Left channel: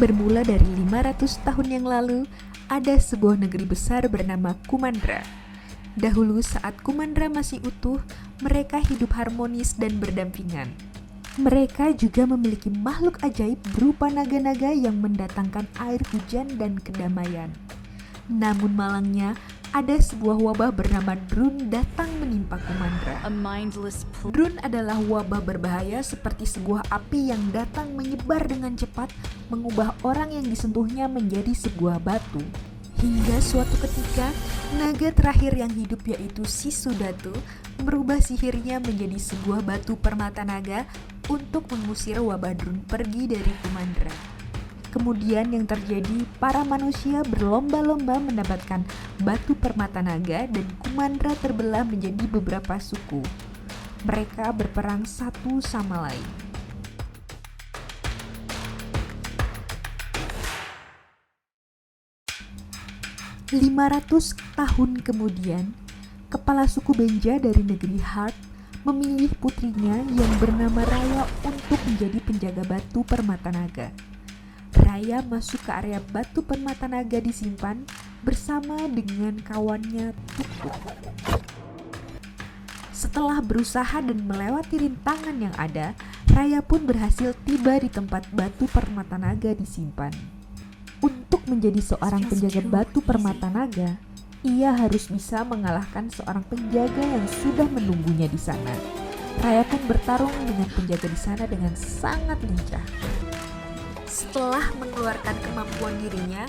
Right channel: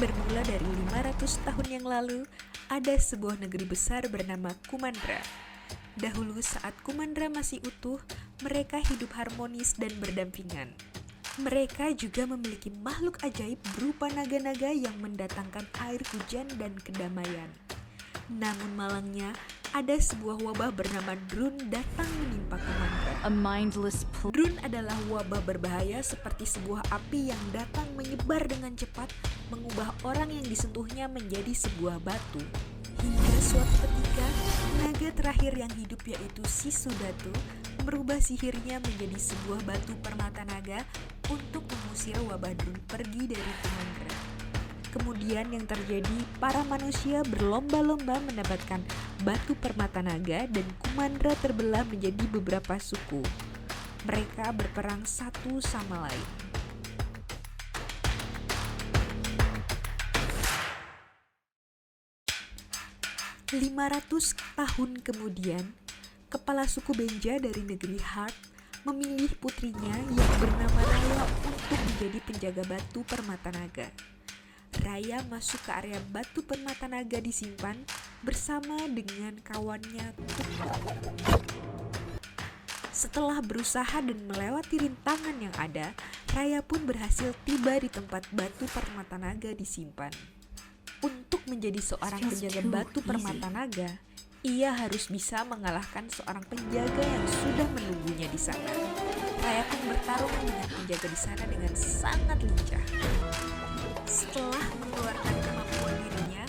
bermula dari 500 tahun yang lalu, ada sebuah negeri besar bernama Kumandra. Dahulu saat Kumandra masih utuh, mereka hidup harmonis dan berdampingan. Mereka juga memiliki makhluk ajaib berupa naga-naga yang mendatangkan air hujan dan kedamaian. Namun malangnya, ada sebuah wabah bernama Drun datang menimpa Kumandra. Drun adalah wabah berbahaya seperti sebuah api yang datang menyebar dengan cepat, mengubah orang yang disentuhnya menjadi sebuah batu. Hingga suatu ketika, naga terakhir yang hidup yaitu Sisudatu merubah sihirnya menjadi sebuah batu permata naga untuk mengusir wabah Drun pergi dari Kumandra. Kemudian yang terjadi, para manusia berlomba-lomba mendapatkan batu permata naga dan Kumandra terbelah menjadi beberapa suku. Mereka berperang satu sama lain. "500 tahun kemudian, kepala suku Benja dari negeri Hart memilih putrinya yang bernama Raya untuk menjadi penjaga batu permata naga. Raya masuk ke area batu permata naga disimpan bersama dengan kawannya Tukuk. Setelah berusaha dan melewati rintangan yang ada, Raya pun berhasil tiba di tempat batu permata naga disimpan. Untuk menjadi seorang penjaga batu permata naga, ia harus bisa mengalahkan seorang penjaga yang sudah menunggunya di sana. Raya pun bertarung dengan penjaga di sana dengan sangat lincah. Setelah mengeluarkan kemampuan dirinya,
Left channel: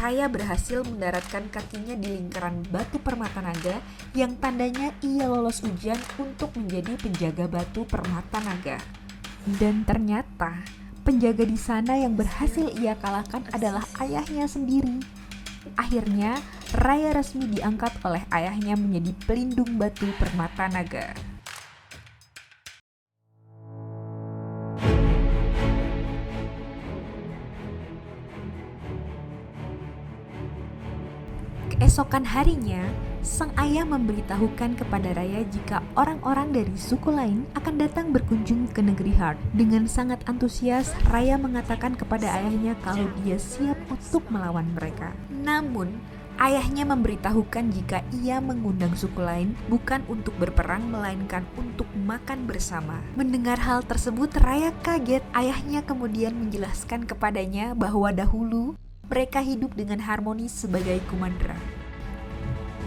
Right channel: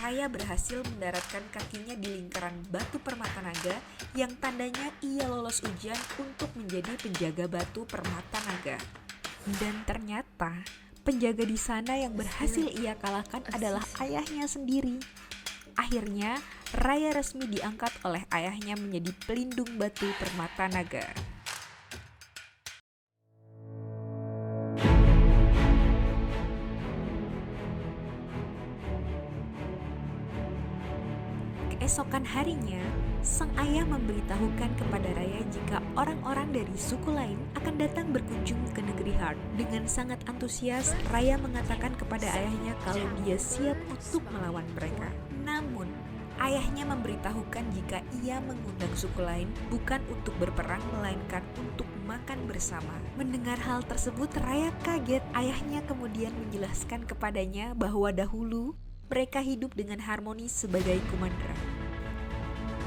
Raya berhasil mendaratkan kakinya di lingkaran batu permata naga yang tandanya ia lolos ujian untuk menjadi penjaga batu permata naga. Dan ternyata, penjaga di sana yang berhasil ia kalahkan adalah ayahnya sendiri. Akhirnya, Raya resmi diangkat oleh ayahnya menjadi pelindung batu permata naga. Keesokan harinya, sang ayah memberitahukan kepada Raya jika orang-orang dari suku lain akan datang berkunjung ke negeri Hart. Dengan sangat antusias, Raya mengatakan kepada ayahnya kalau dia siap untuk melawan mereka. Namun, ayahnya memberitahukan jika ia mengundang suku lain bukan untuk berperang melainkan untuk makan bersama. Mendengar hal tersebut, Raya kaget. Ayahnya kemudian menjelaskan kepadanya bahwa dahulu mereka hidup dengan harmonis sebagai Kumandra.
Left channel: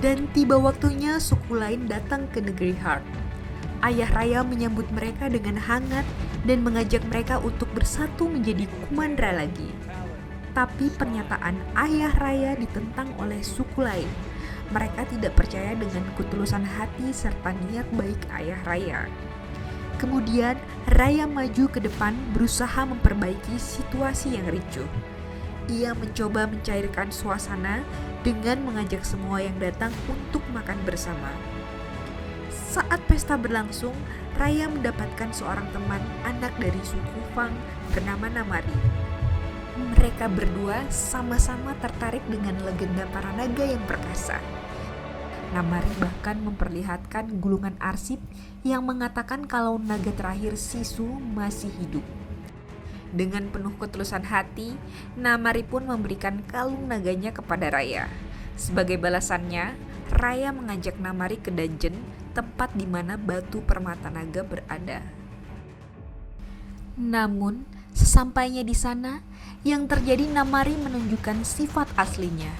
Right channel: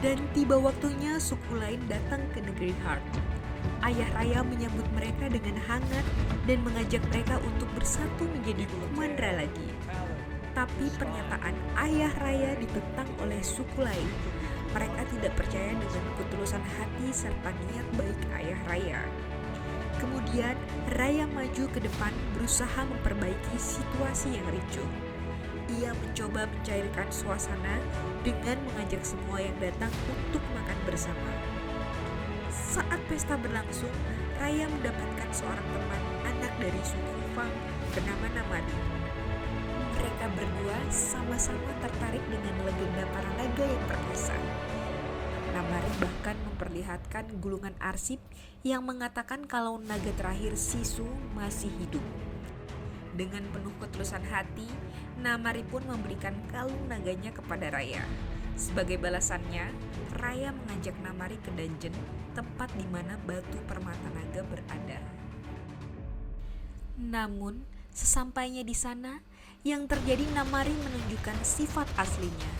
Dan tiba waktunya suku lain datang ke negeri Hart. Ayah Raya menyambut mereka dengan hangat dan mengajak mereka untuk bersatu menjadi Kumandra lagi. Tapi pernyataan ayah Raya ditentang oleh suku lain. Mereka tidak percaya dengan ketulusan hati serta niat baik ayah Raya. Kemudian Raya maju ke depan berusaha memperbaiki situasi yang ricuh. Ia mencoba mencairkan suasana dengan mengajak semua yang datang untuk makan bersama. Saat pesta berlangsung, Raya mendapatkan seorang teman anak dari suku Fang bernama Namari. Mereka berdua sama-sama tertarik dengan legenda para naga yang perkasa. Namari bahkan memperlihatkan gulungan arsip yang mengatakan kalau naga terakhir Sisu masih hidup. Dengan penuh ketulusan hati, Namari pun memberikan kalung naganya kepada Raya. Sebagai balasannya, Raya mengajak Namari ke dungeon, tempat di mana batu permata naga berada. Namun, sesampainya di sana, yang terjadi Namari menunjukkan sifat aslinya.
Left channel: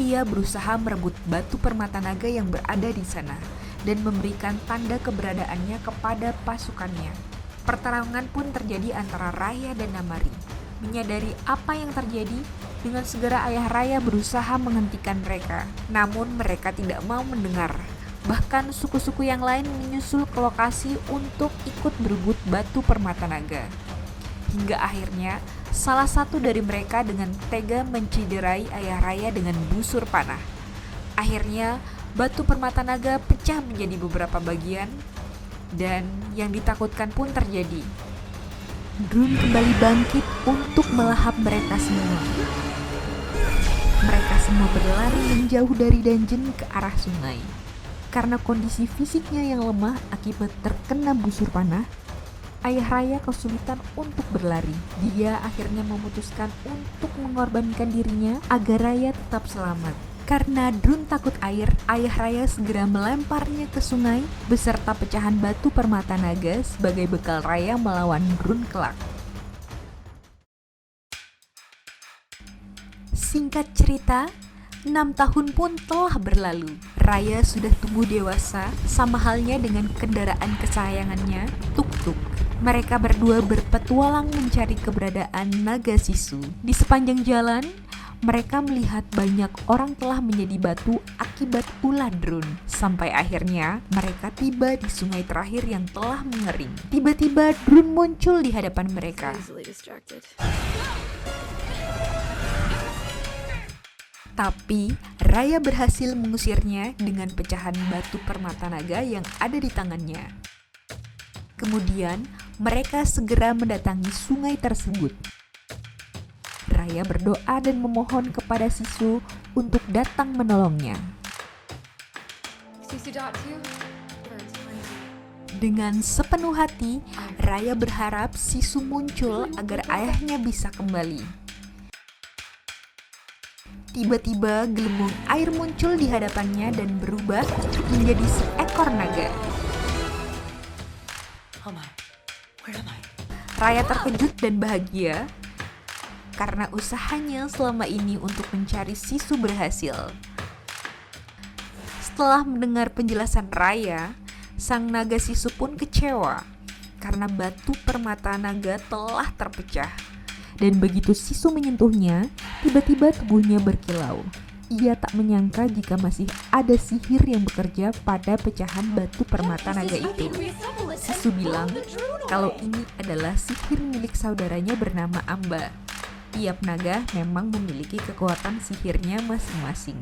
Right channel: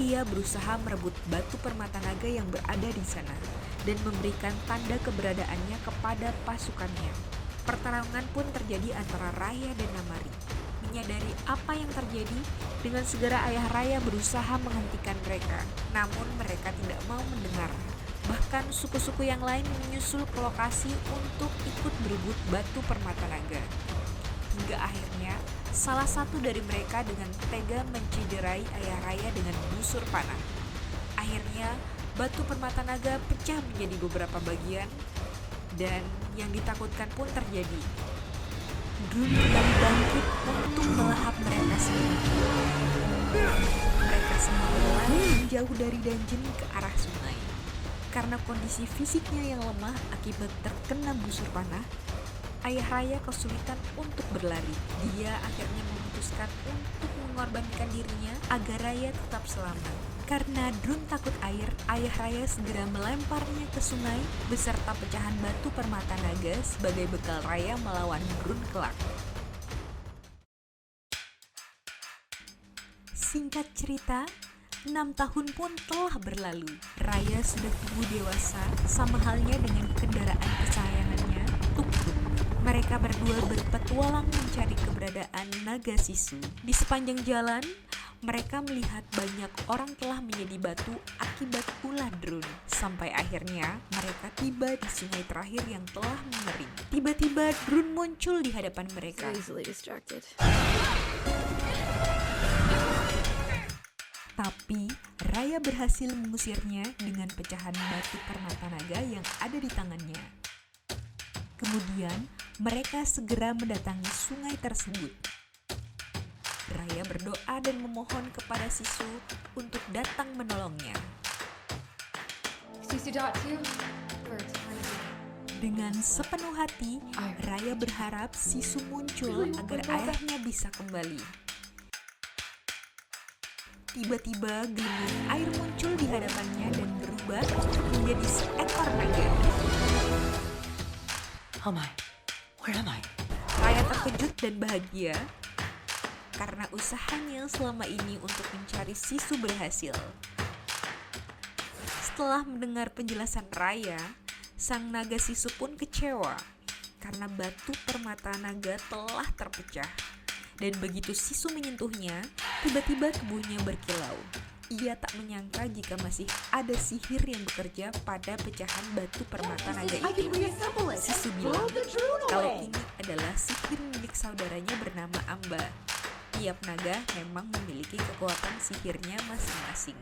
Ia berusaha merebut batu permata naga yang berada di sana dan memberikan tanda keberadaannya kepada pasukannya. Pertarungan pun terjadi antara Raya dan Namari. Menyadari apa yang terjadi, dengan segera ayah Raya berusaha menghentikan mereka. Namun mereka tidak mau mendengar. Bahkan suku-suku yang lain menyusul ke lokasi untuk ikut berebut batu permata naga. Hingga akhirnya, salah satu dari mereka dengan tega menciderai ayah Raya dengan busur panah. Akhirnya, batu permata naga pecah menjadi beberapa bagian. Dan yang ditakutkan pun terjadi. Drun kembali bangkit untuk melahap mereka semua. Mereka semua berlari menjauh dari dungeon ke arah sungai. Karena kondisi fisiknya yang lemah akibat terkena busur panah, ayah Raya kesulitan untuk berlari. Dia akhirnya memutuskan untuk mengorbankan dirinya agar Raya tetap selamat. Karena Drun takut air, ayah Raya segera melemparnya ke sungai beserta pecahan batu permata naga sebagai bekal Raya melawan Drun kelak. Singkat cerita, 6 tahun pun telah berlalu. Raya sudah tumbuh dewasa, sama halnya dengan kendaraan kesayangannya, Tuk-Tuk. Mereka berdua berpetualang mencari keberadaan naga Sisu. Di sepanjang jalan, mereka melihat banyak orang telah menjadi batu akibat ulah Drun. Sampai akhirnya, mereka tiba di sungai terakhir yang telah mengering. Tiba-tiba Drun muncul di hadapan mereka. Tapi Raya berhasil mengusirnya dengan pecahan batu permata naga yang ada di tangannya. Kemudian mereka segera mendatangi sungai tersebut. Raya berdoa dan memohon kepada Sisu untuk datang menolongnya. Dengan sepenuh hati, Raya berharap Sisu muncul agar ayahnya bisa kembali. Tiba-tiba gelembung air muncul di hadapannya dan berubah menjadi seekor naga. Oh my, where am I? Raya terkejut dan bahagia karena usahanya selama ini untuk mencari Sisu berhasil. Setelah mendengar penjelasan Raya, sang naga Sisu pun kecewa karena batu permata naga telah terpecah. Dan begitu Sisu menyentuhnya, tiba-tiba tubuhnya berkilau. Ia tak menyangka jika masih ada sihir yang bekerja pada pecahan batu permata naga itu. Sisu bilang kalau ini adalah sihir milik saudaranya bernama Amba. Tiap naga memang memiliki kekuatan sihirnya masing-masing.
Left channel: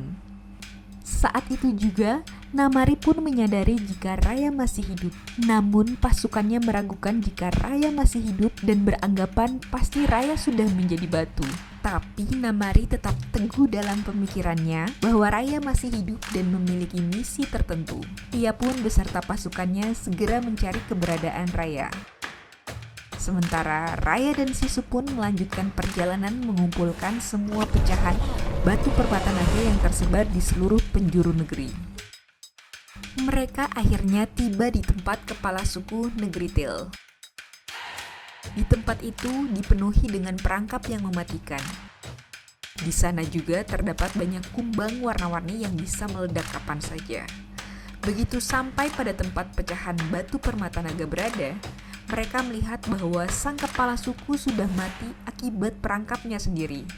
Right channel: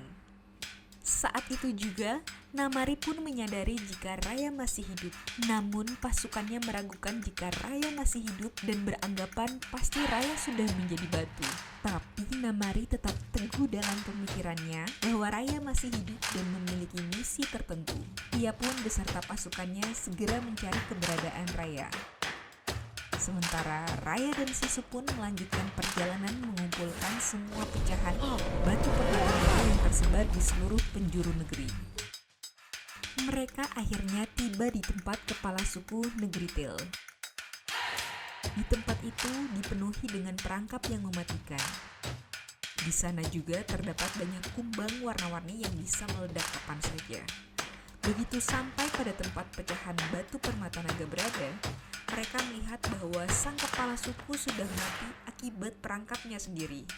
Saat itu juga, Namari pun menyadari jika Raya masih hidup. Namun pasukannya meragukan jika Raya masih hidup dan beranggapan pasti Raya sudah menjadi batu. Tapi Namari tetap teguh dalam pemikirannya bahwa Raya masih hidup dan memiliki misi tertentu. Ia pun beserta pasukannya segera mencari keberadaan Raya. Sementara Raya dan Sisu pun melanjutkan perjalanan mengumpulkan semua pecahan batu permata naga yang tersebar di seluruh penjuru negeri. Mereka akhirnya tiba di tempat kepala suku negeri Til. Di tempat itu dipenuhi dengan perangkap yang mematikan. Di sana juga terdapat banyak kumbang warna-warni yang bisa meledak kapan saja. Begitu sampai pada tempat pecahan batu permata naga berada, mereka melihat bahwa sang kepala suku sudah mati akibat perangkapnya sendiri.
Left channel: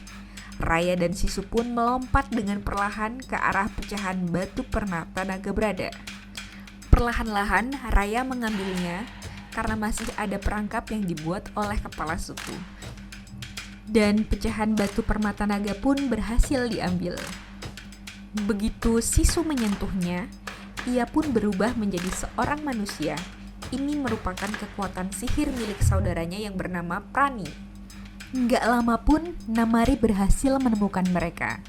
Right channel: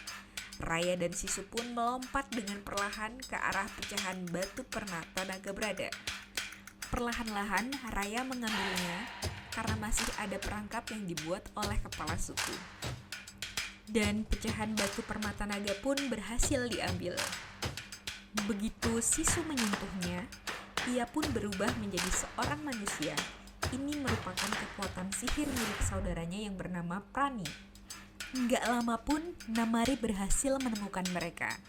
Raya dan Sisu pun melompat dengan perlahan ke arah pecahan batu permata naga berada. Perlahan-lahan Raya mengambilnya karena masih ada perangkap yang dibuat oleh kepala suku. Dan pecahan batu permata naga pun berhasil diambil. Begitu Sisu menyentuhnya, ia pun berubah menjadi seorang manusia. Ini merupakan kekuatan sihir milik saudaranya yang bernama Prani. Nggak lama pun Namari berhasil menemukan mereka.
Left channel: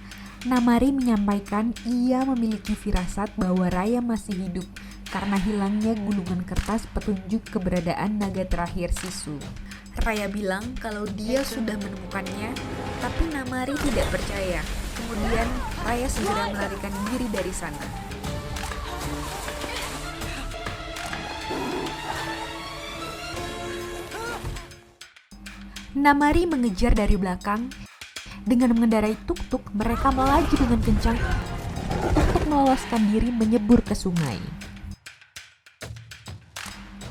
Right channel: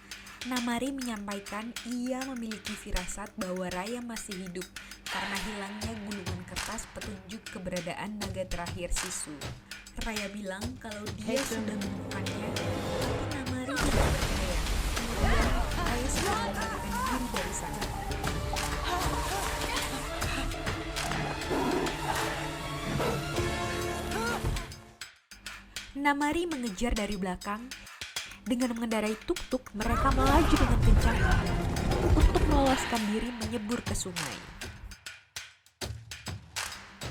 Namari menyampaikan ia memiliki firasat bahwa Raya masih hidup karena hilangnya gulungan kertas petunjuk keberadaan naga terakhir Sisu. Raya bilang kalau dia sudah menemukannya, tapi Namari tidak percaya. Kemudian Raya segera melarikan diri dari sana. Namari mengejar dari belakang. Dengan mengendarai tuk-tuk, mereka melaju dengan kencang untuk meloloskan diri menyebur ke sungai.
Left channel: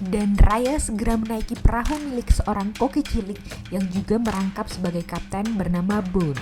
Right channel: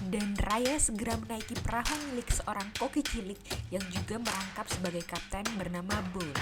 Dan Raya segera menaiki perahu milik seorang koki cilik yang juga merangkap sebagai kapten bernama Boon.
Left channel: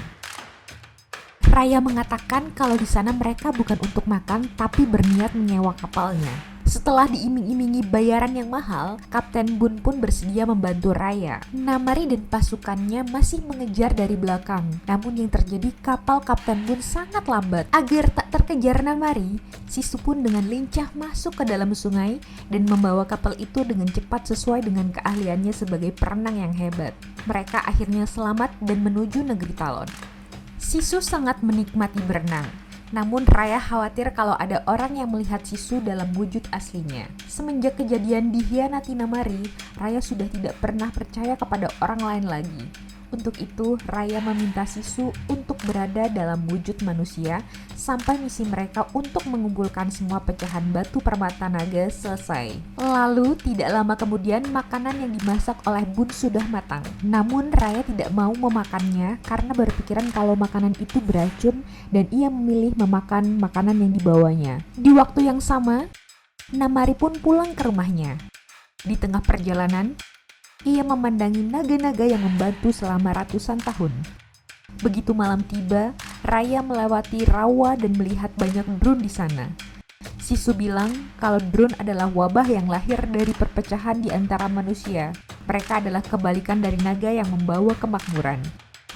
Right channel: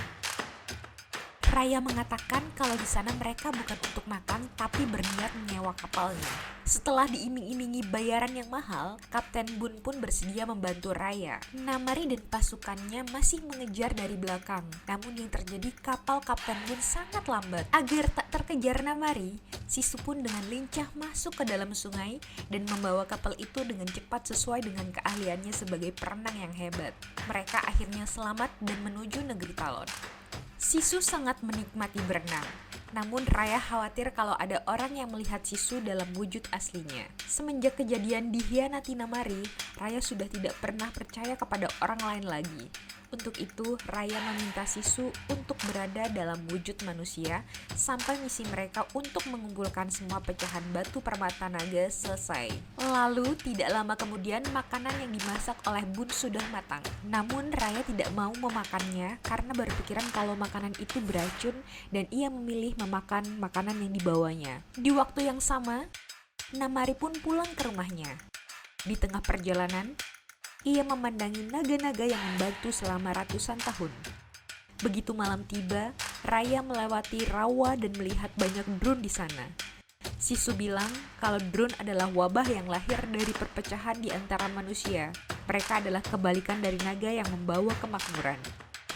Raya mengatakan kalau di sana mereka bukan untuk makan tapi berniat menyewa kapalnya. Setelah diiming-imingi bayaran yang mahal, Kapten Boon pun bersedia membantu Raya. Namari dan pasukannya masih mengejar dari belakang. Namun yang terjadi, kapal Kapten Boon sangat lambat. Agar tak terkejar Namari, Sisu pun dengan lincah masuk ke dalam sungai dan membawa kapal itu dengan cepat sesuai dengan keahliannya sebagai perenang yang hebat. Mereka akhirnya selamat dan menuju negeri Talon. Sisu sangat menikmati berenang. Namun Raya khawatir kalau ada orang yang melihat Sisu dalam wujud aslinya. Semenjak kejadian dikhianati Namari, Raya sudah tidak pernah percaya kepada orang lain lagi. Untuk itu, Raya meminta Sisu untuk berada dalam wujud manusia sampai misi mereka untuk mengumpulkan semua pecahan batu permata naga selesai. Lalu, tidak lama kemudian makanan yang dimasak oleh Bun sudah matang. Namun, Raya tidak mau memakannya karena berpikiran kalau makanan itu beracun dan ia memilih memakan makanan yang dibawanya. Di waktu yang sama, Namari pun pulang ke rumahnya. Di tengah perjalanan, ia memandangi naga-naga yang membantu selama ratusan tahun. Begitu malam tiba, Raya melewati rawa dan melihat banyak drone di sana. Sisu bilang kalau drone adalah wabah yang lahir dari perpecahan di antara manusia. Mereka adalah kebalikan dari naga yang membawa kemakmuran.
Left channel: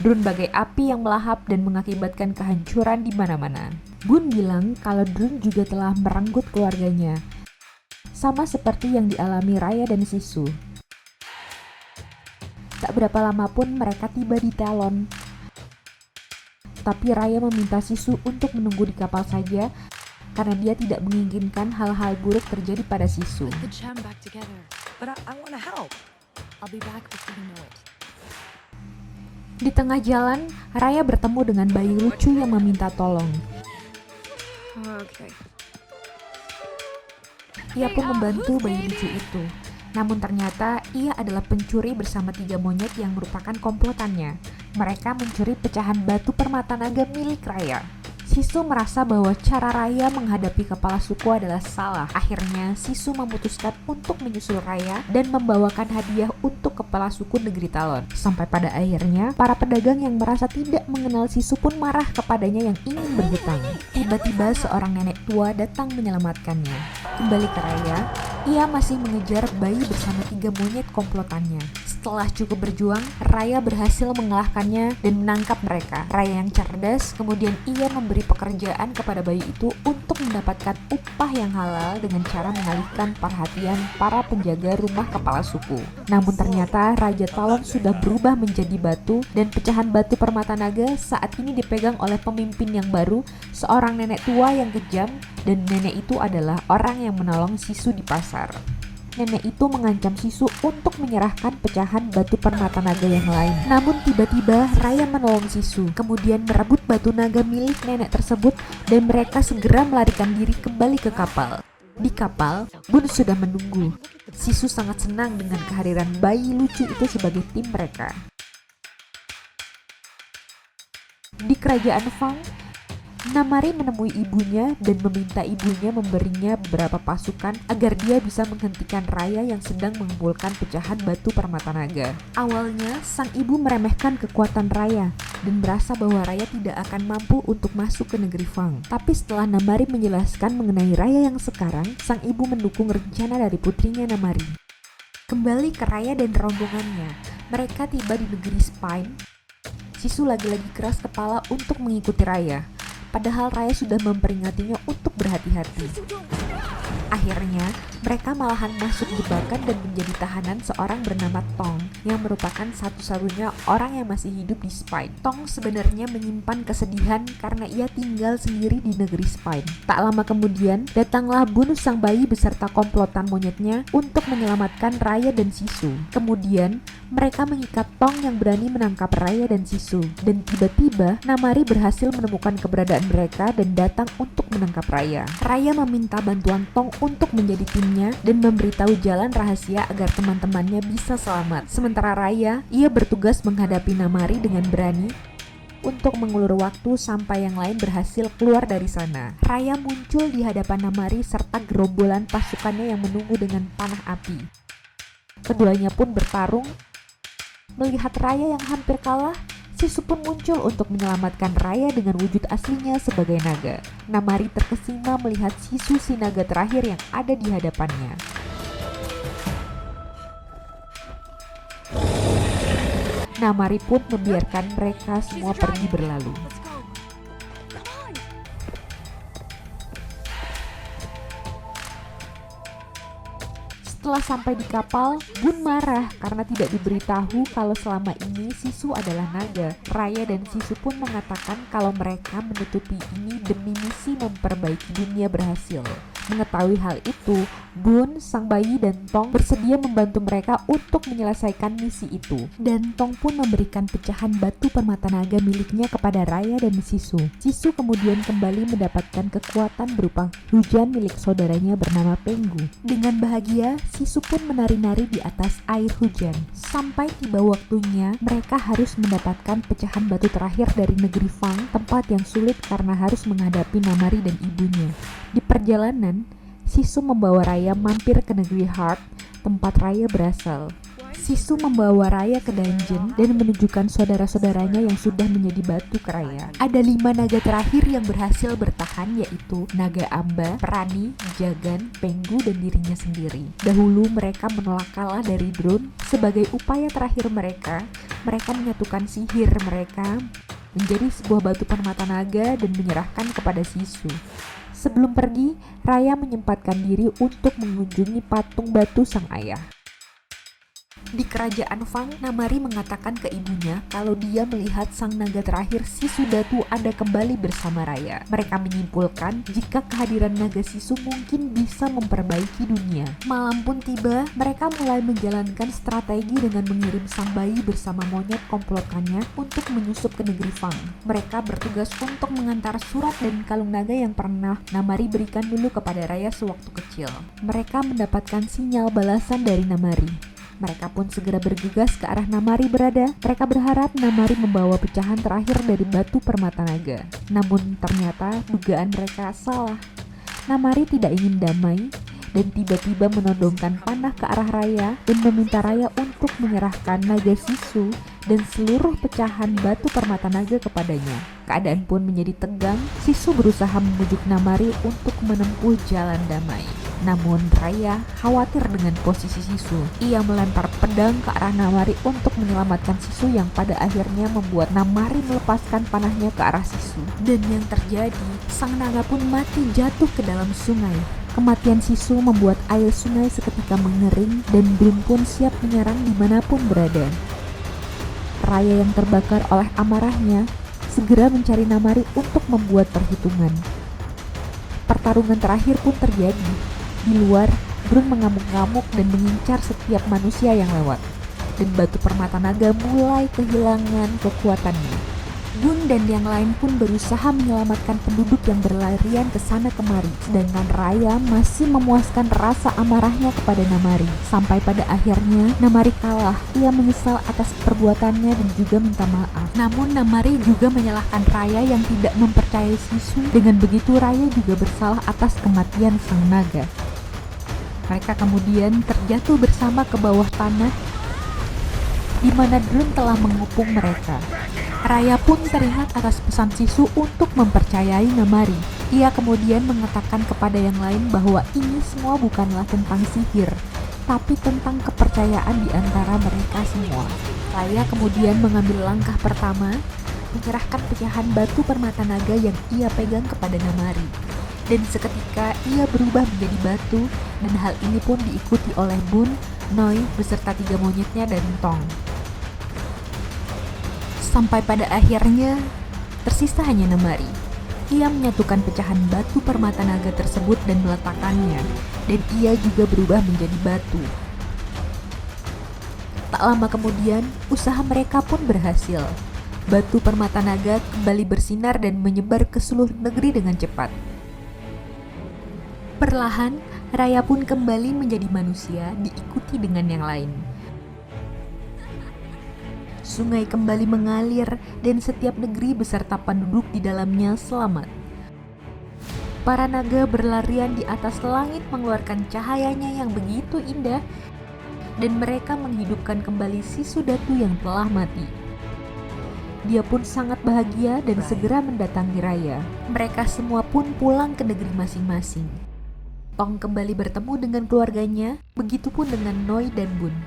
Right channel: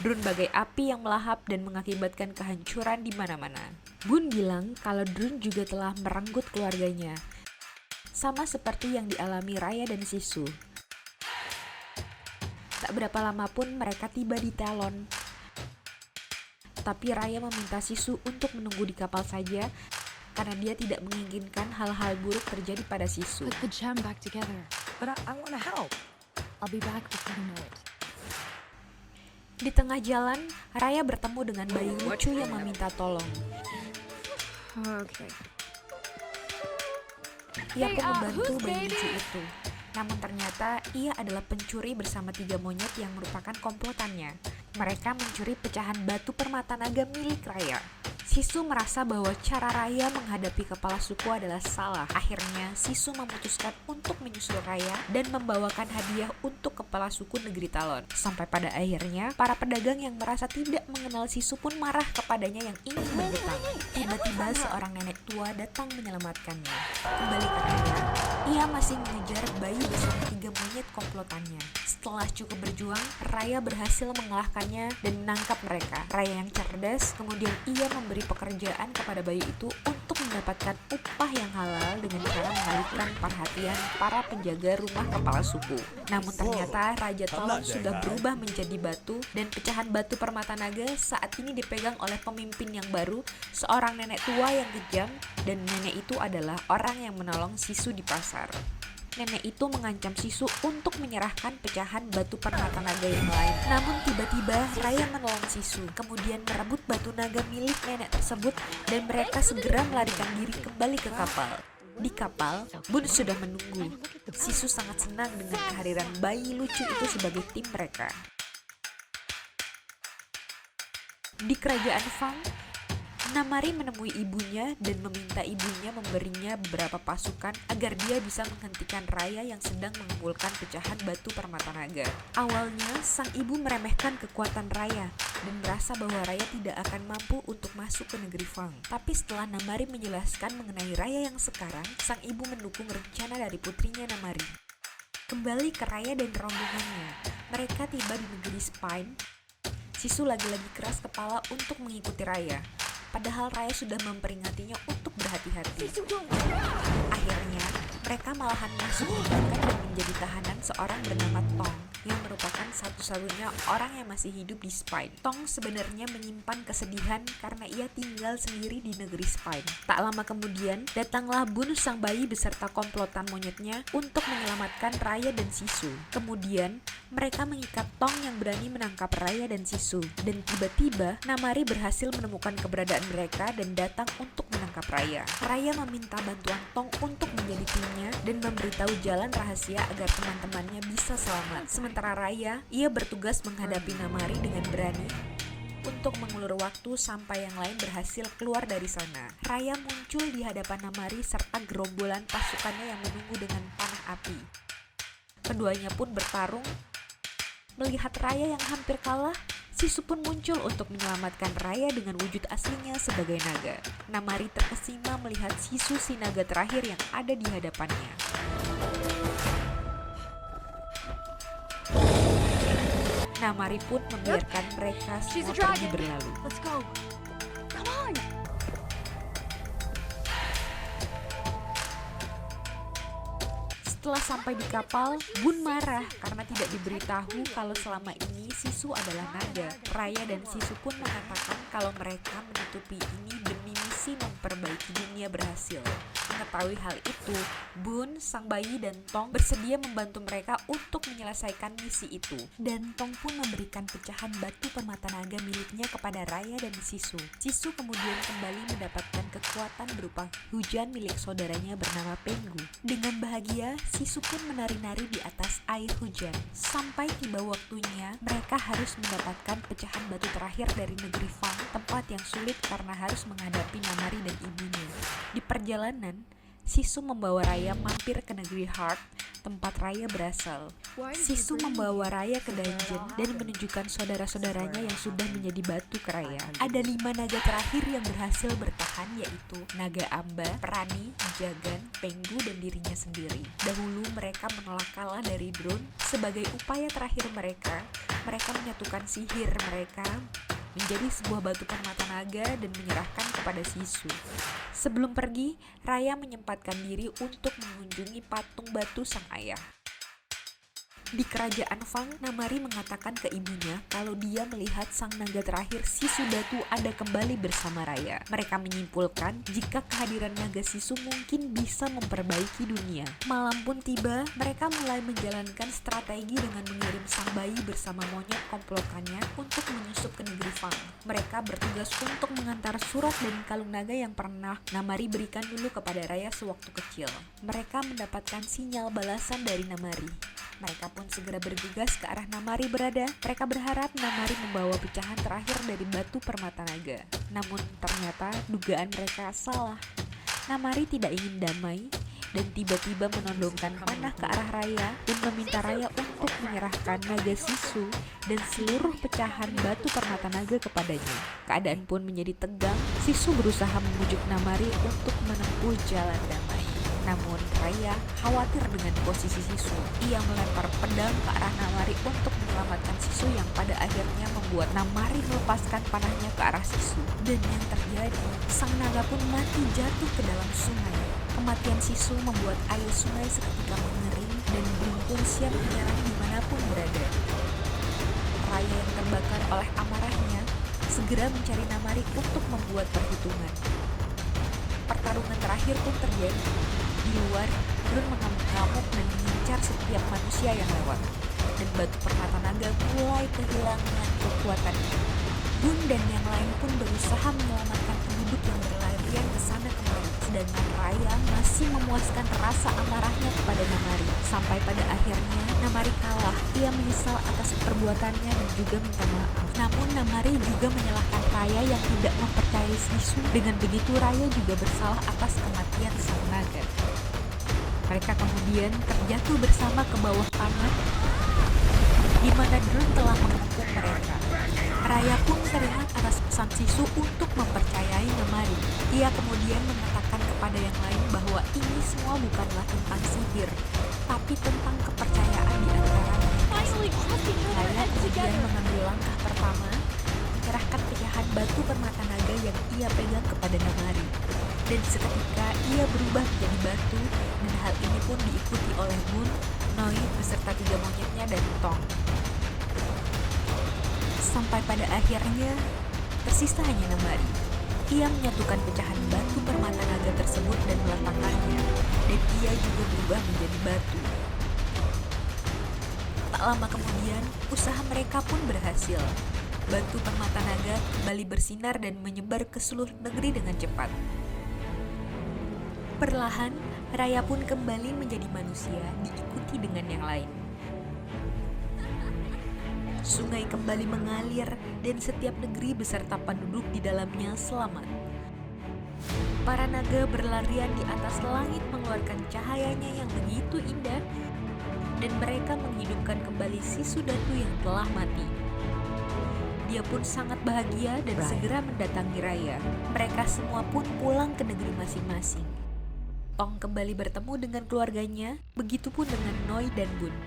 Drone bagai api yang melahap dan mengakibatkan kehancuran di mana-mana. Bun bilang kalau drone juga telah merenggut keluarganya, sama seperti yang dialami Raya dan Sisu. Tak berapa lama pun mereka tiba di Talon. Tapi Raya meminta Sisu untuk menunggu di kapal saja karena dia tidak menginginkan hal-hal buruk terjadi pada Sisu. Put the gem back together. But I want to help. I'll be back before you know it. Di tengah jalan, Raya bertemu dengan bayi lucu yang meminta tolong. Okay. Ia pun membantu bayi lucu itu. Namun ternyata ia adalah pencuri bersama 3 monyet yang merupakan komplotannya. Mereka mencuri pecahan batu permata naga milik Raya. Sisu merasa bahwa cara Raya menghadapi kepala suku adalah salah. Akhirnya Sisu memutuskan untuk menyusul Raya dan membawakan hadiah untuk kepala suku negeri Talon. Sampai pada akhirnya para pedagang yang merasa tidak mengenal Sisu pun marah kepadanya yang ingin berhutang. Tiba-tiba seorang nenek tua datang menyelamatkannya. Kembali ke Raya, ia masih mengejar bayi bersama 3 monyet komplotannya. Setelah cukup berjuang, Raya berhasil mengalahkannya dan menangkap mereka. Raya yang cerdas, kemudian ia memberi pekerjaan kepada bayi itu untuk mendapatkan upah yang halal dengan cara mengalihkan perhatian para penjaga rumah kepala suku. Namun ternyata Raja Talon sudah berubah menjadi batu dan pecahan batu permata naga saat ini dipegang oleh pemimpin yang baru, seorang nenek tua yang kejam, dan nenek itu adalah orang yang menolong Sisu di pasar. Nenek itu mengancam Sisu untuk menyerahkan pecahan batu permata naga yang lain. Namun tiba-tiba Raya menolong Sisu, kemudian merebut batu naga milik nenek tersebut dan mereka segera melarikan diri kembali ke kapal. Di kapal, Bun sudah menunggu. Sisu sangat senang dengan kehadiran bayi lucu itu sebagai tim mereka. Di kerajaan Fang, Namari menemui ibunya dan meminta ibunya memberinya beberapa pasukan agar dia bisa menghentikan Raya yang sedang mengumpulkan pecahan batu permata naga. Awalnya, sang ibu meremehkan kekuatan Raya dan merasa bahwa Raya tidak akan mampu untuk masuk ke negeri Fang. Tapi setelah Namari menjelaskan mengenai Raya yang sekarang, sang ibu mendukung rencana dari putrinya Namari. Kembali ke Raya dan rombongannya, mereka tiba di negeri Spine. Sisu lagi-lagi keras kepala untuk mengikuti Raya. Padahal Raya sudah memperingatinya untuk berhati-hati. Akhirnya, mereka malahan masuk jebakan dan menjadi tahanan seorang bernama Tong, yang merupakan satu-satunya orang yang masih hidup di Spine. Tong sebenarnya menyimpan kesedihan karena ia tinggal sendiri di negeri Spine. Tak lama kemudian, datanglah Bun sang bayi beserta komplotan monyetnya untuk menyelamatkan Raya dan Sisu. Kemudian, mereka mengikat Tong yang berani menangkap Raya dan Sisu. Dan tiba-tiba, Namari berhasil menemukan keberadaan mereka dan datang untuk menangkap Raya. Raya meminta bantuan Tong untuk menjadi timnya dan memberitahu jalan rahasia agar teman-temannya bisa selamat. Sementara Raya, ia bertugas menghadapi Namari dengan berani untuk mengulur waktu sampai yang lain berhasil keluar dari sana. Raya muncul di hadapan Namari serta gerombolan pasukannya yang menunggu dengan panah api. Keduanya pun bertarung. Melihat Raya yang hampir kalah, Sisu pun muncul untuk menyelamatkan Raya dengan wujud aslinya sebagai naga. Namari terkesima melihat Sisu si naga terakhir yang ada di hadapannya. Namari pun membiarkan mereka semua pergi berlalu. Let's go. Come on. Setelah sampai di kapal, Bun marah karena tidak diberitahu kalau selama ini Sisu adalah naga. Raya dan Sisu pun mengatakan kalau mereka menutupi ini demi misi memperbaiki dunia berhasil. Mengetahui hal itu, Bun, sang bayi, dan Tong bersedia membantu mereka untuk menyelesaikan misi itu. Dan Tong pun memberikan pecahan batu permata naga miliknya kepada Raya dan Sisu. Sisu kemudian kembali mendapatkan kekuatan berupa hujan milik saudaranya bernama Penggu. Dengan bahagia, Sisu pun menari-nari di atas air hujan. Sampai tiba waktunya, mereka harus mendapatkan pecahan batu terakhir dari negeri Fang, tempat yang sulit karena harus menghadapi Namari dan ibunya. Di perjalanan, Sisu membawa Raya mampir ke negeri Heart, tempat Raya berasal. Sisu membawa Raya ke dungeon dan menunjukkan saudara-saudaranya yang sudah menjadi batu ke Raya. Ada 5 naga terakhir yang berhasil bertahan, yaitu Naga Amba, Perani, Jagan, Penggu, dan dirinya sendiri. Dahulu mereka menolak kalah dari Drone. Sebagai upaya terakhir mereka menyatukan sihir mereka menjadi sebuah batu permata naga dan menyerahkan kepada Sisu. Sebelum pergi, Raya menyempatkan diri untuk mengunjungi patung batu sang ayah. Di kerajaan Fang, Namari mengatakan ke ibunya kalau dia melihat sang naga terakhir Sisu Datu ada kembali bersama Raya. Mereka menyimpulkan jika kehadiran naga Sisu mungkin bisa memperbaiki dunia. Malam pun tiba, mereka mulai menjalankan strategi dengan mengirim sang bayi bersama monyet komplotannya untuk menyusup ke negeri Fang. Mereka bertugas untuk mengantar surat dan kalung naga yang pernah Namari berikan dulu kepada Raya sewaktu kecil. Mereka mendapatkan sinyal balasan dari Namari. Mereka pun segera bergegas ke arah Namari berada. Mereka berharap Namari membawa pecahan terakhir dari batu permata naga. Namun ternyata dugaan mereka salah. Namari tidak ingin damai dan tiba-tiba menodongkan panah ke arah Raya dan meminta Raya untuk menyerahkan naga Sisu dan seluruh pecahan batu permata naga kepadanya. Keadaan pun menjadi tegang. Sisu berusaha membujuk Namari untuk menempuh jalan damai. Namun Raya khawatir dengan posisi Sisu. Ia melempar pedang ke arah Namari untuk menyelamatkan Sisu yang pada akhirnya membuat Namari melepaskan panahnya ke arah Sisu. Dan yang terjadi, sang naga pun mati jatuh ke dalam sungai. Kematian Sisu membuat air sungai seketika mengering dan Bun pun siap menyerang dimanapun berada. Raya yang terbakar oleh amarahnya segera mencari Namari untuk membuat perhitungan. Pertarungan terakhir pun terjadi. Di luar, Drone mengamuk-ngamuk dan mengincar setiap manusia yang lewat. Dan batu permata naga mulai kehilangan kekuatannya. Bun dan yang lain pun berusaha menyelamatkan penduduk yang berlarian ke sana kemari. Sedangkan Raya masih memuaskan rasa amarahnya kepada Namari. Sampai pada akhirnya, Namari kalah. Ia menyesal atas perbuatannya dan juga minta maaf. Namun Namari juga menyalahkan Raya yang tidak mempercayai Sisu. Dengan begitu Raya juga bersalah atas kematian sang naga. Mereka kemudian terjatuh bersama ke bawah tanah di mana Drone telah mengepung mereka. Raya pun teringat atas pesan Sisu untuk mempercayai Namari. Ia kemudian mengatakan kepada yang lain bahwa ini semua bukanlah tentang sihir, tapi tentang kepercayaan di antara mereka semua. Raya kemudian mengambil langkah pertama, menyerahkan pecahan batu permata naga yang ia pegang kepada Namari. Dan seketika ia berubah menjadi batu, dan hal ini pun diikuti oleh Bun, Noi beserta 3 monyetnya dan Tong. Sampai pada akhirnya tersisa hanya Namari. Ia menyatukan pecahan batu permata naga tersebut dan meletakkannya, dan ia juga berubah menjadi batu. Tak lama kemudian, usaha mereka pun berhasil. Batu permata naga kembali bersinar dan menyebar ke seluruh negeri dengan cepat. Perlahan, Raya pun kembali menjadi manusia, diikuti dengan yang lain. Sungai kembali mengalir dan setiap negeri beserta penduduk di dalamnya selamat. Para naga berlarian di atas langit mengeluarkan cahayanya yang begitu indah dan mereka menghidupkan kembali Sisu Datu yang telah mati. Dia pun sangat bahagia dan segera mendatangi Raya. Mereka semua pun pulang ke negeri masing-masing. Tong kembali bertemu dengan keluarganya, begitupun dengan Noi dan Bun.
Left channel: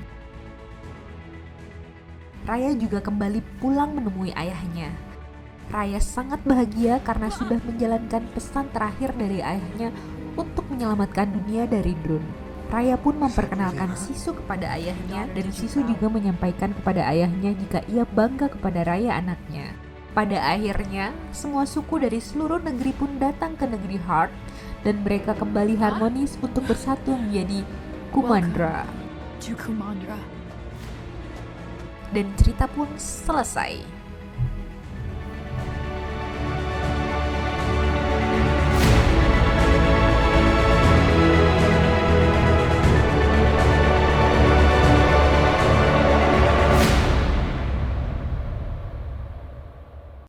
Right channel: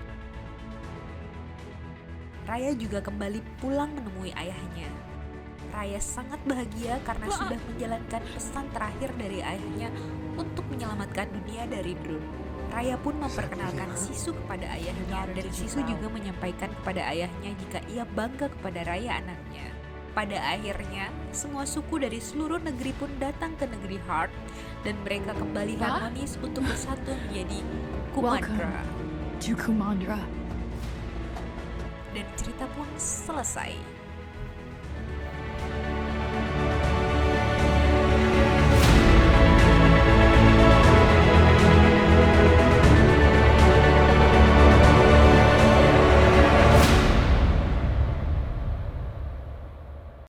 Raya juga kembali pulang menemui ayahnya. Raya sangat bahagia karena sudah menjalankan pesan terakhir dari ayahnya untuk menyelamatkan dunia dari Drone. Raya pun memperkenalkan Sisu kepada ayahnya dan Sisu juga menyampaikan kepada ayahnya jika ia bangga kepada Raya anaknya. Pada akhirnya, semua suku dari seluruh negeri pun datang ke negeri Heart dan mereka kembali harmonis untuk bersatu menjadi Kumandra. To Kumandra. Dan cerita pun selesai.